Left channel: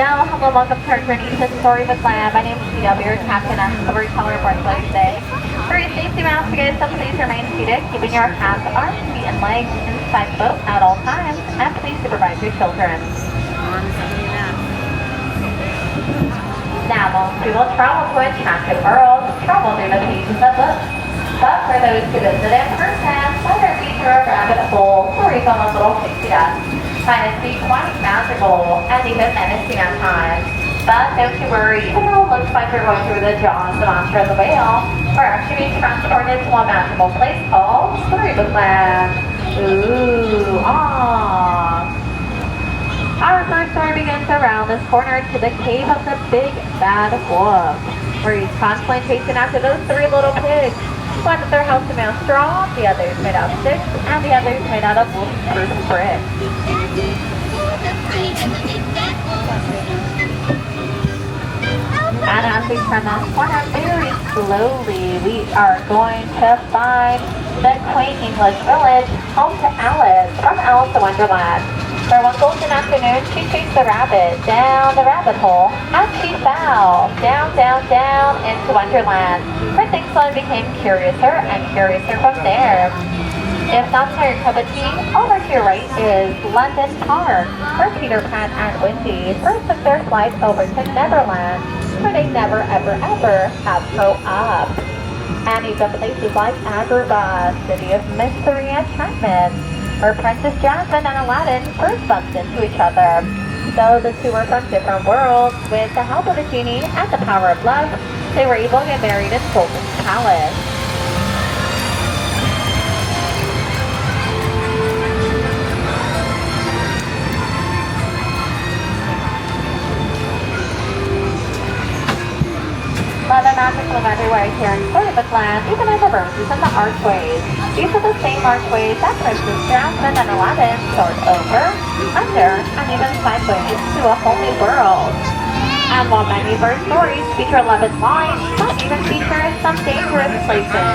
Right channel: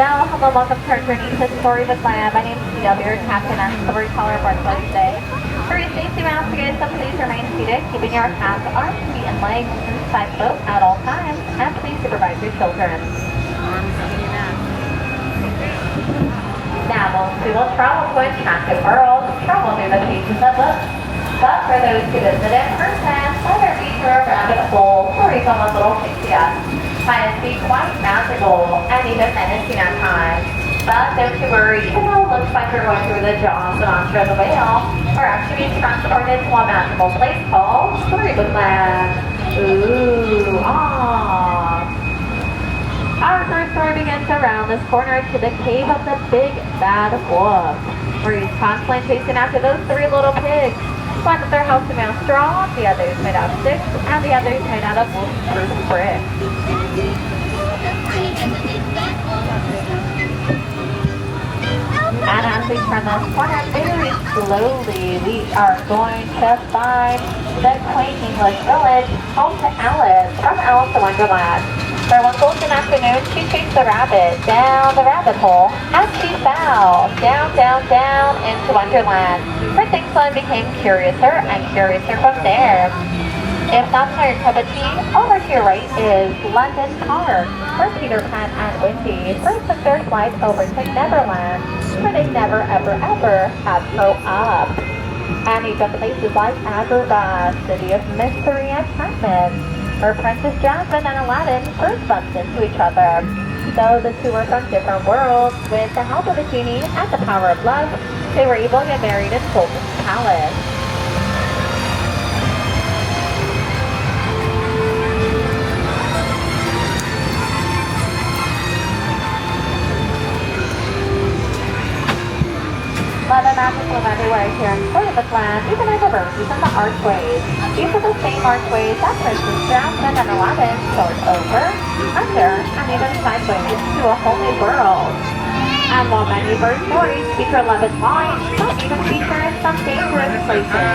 Arendelle. Hello, welcome to our journey to Storybook Land. My name is Theo, your captain and storyteller for us today. For your safety mask, you guys, please remain seated, keeping your hands, arms, feet, and legs inside the boat at all times, and please supervise your children. Now, most people travel to enchanted worlds, travel through the pages of books. But for those who visit in person, whether feature a rabbit hole or even a little pixie dust, find it to be quite magical and even menacing at times. But don't you worry, even though it looks like you're going through the jaws of the monster of the whale, we're actually being transported to a magical place called Storybook Land. Ooh, aww. Our first story begins around this corner to the cave of the big bad wolf, where he's constantly chasing after those three little pigs. One of their house is made of straw, the other is made out of sticks, and the other is made out of wood brick. And as we turn this corner very slowly, we are going to find the quaint English village home to Alice from Alice in Wonderland. For one golden afternoon, she chased the rabbit down the rabbit hole, and she fell down, down, down into Wonderland. Her things slowly became curiouser and curiouser from there. If that's not your cup of tea, over to your right is London Park, where Peter Pan and Wendy first took their flight over to Neverland, where they never, ever, ever have grown up. And even places like Agrabah, city of mystery and enchantment, where Princess Jasmine and Aladdin first bumped into each other. Though the two were from different worlds, with the help of the genie and the power of love, they were able to get married in Sultan's palace. Love and magic live everywhere here in Storybook Land, even in the roses and the archways. These are the same archways that Princess Jasmine and Aladdin soared over, under, and even sideways to a whole new world. And while many of our stories feature love and light, some even feature some dangerous places,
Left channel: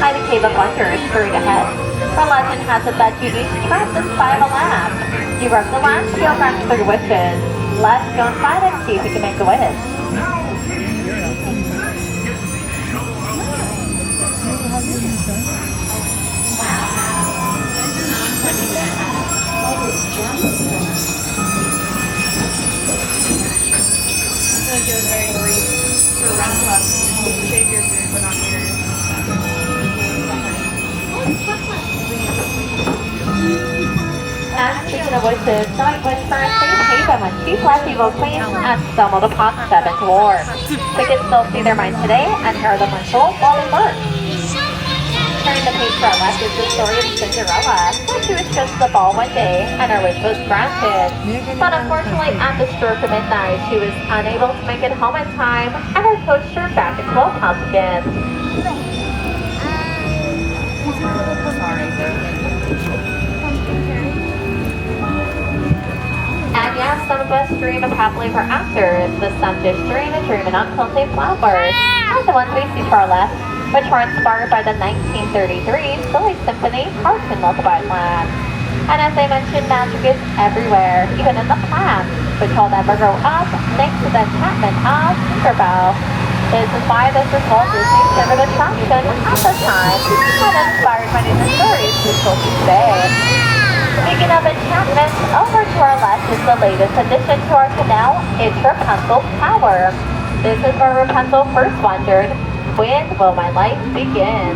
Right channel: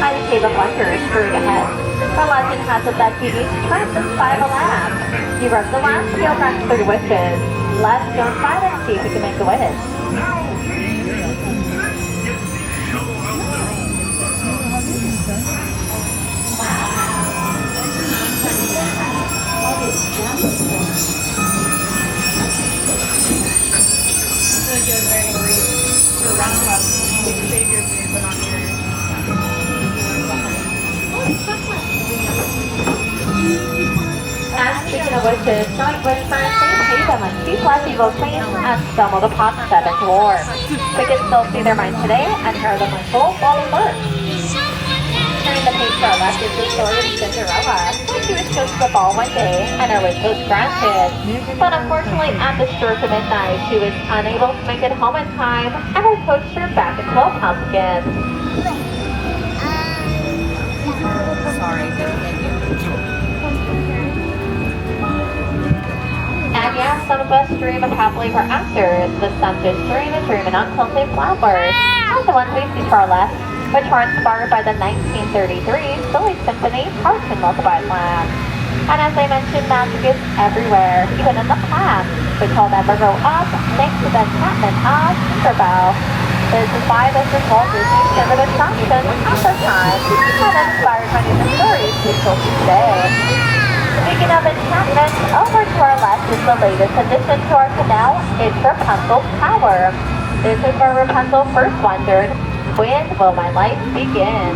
like the Cave of Wonders straight ahead. The legend has it that you each trapped inside of a lamp. You rub the lamp to your friends through wishes. Let's go inside and see if we can make a wish. And speaking of wishes, John Bush first saved them when she fled evil queens and stumbled upon 7 dwarfs. We can still see their minds today and hear them whistle while we learn. Turning the page to our left is the story of Cinderella. She was just the ball one day and her wish was granted. But unfortunately, at the stroke of midnight, she was unable to make it home in time and her coach turned back into a pumpkin. And yes, some of us dream of happily ever after, but some just dream a dream of unhealthy flowers. And the ones we see to our left, which were inspired by the 1933 Silly Symphony Hearts in Lullaby Land. And as I mentioned, magic is everywhere, even in the plants, which will never grow up thanks to the enchantment of Tinkerbell. This is why this is Walt Disney's favorite attraction at the time, and inspired many of the stories we told you today. Speaking of enchantment, over to our left is the latest addition to our canal, it's Rapunzel's Tower. This is where Rapunzel first wondered, when will my life begin?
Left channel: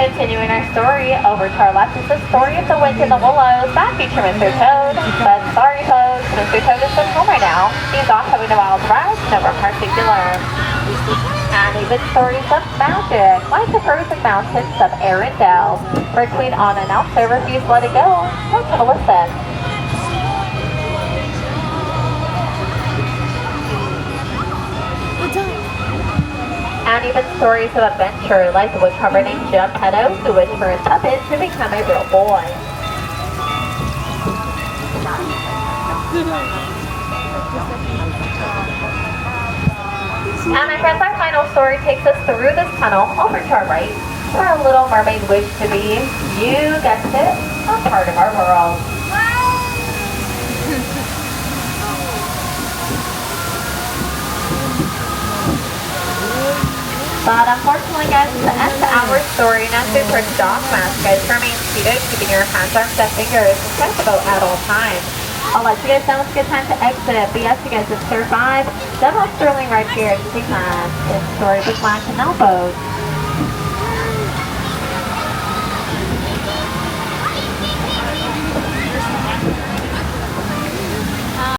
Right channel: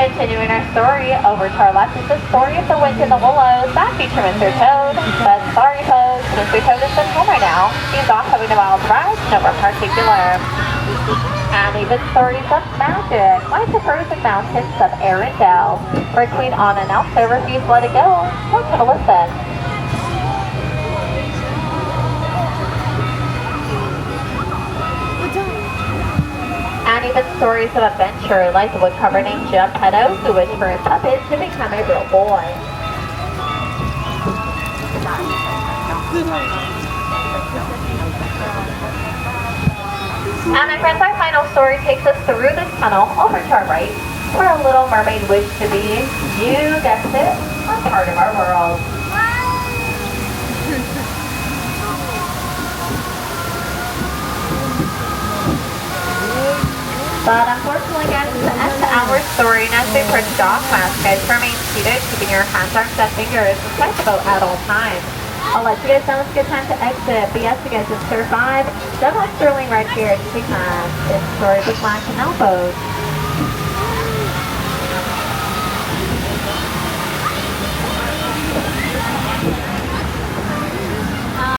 Continuing our story, over to our left is the story of the Wind in the Willows that feature Mr. Toad. But sorry folks, Mr. Toad is at home right now. He's off having a wild ride, nowhere particular. And even stories of magic, like the frozen mountains of Arendelle, where Queen Anna and Elsa refused to let it go. Let's have a listen. And even stories of adventure, like the woodcarver named Geppetto, who wished for his puppet to become a real boy. And our fifth and final story takes us through this tunnel over to our right, where a little mermaid wished to be, you guessed it, a part of our world. But unfortunately, guys, it's the end to our story. Now to approach dog mask, guys, remain seated, keeping your hands, arms, and fingers inside the boat at all times. I'll let you guys know it's a good time to exit. But yes, you guys have survived. Double Sterling right here at Disneyland. It's Storybook Canal boat.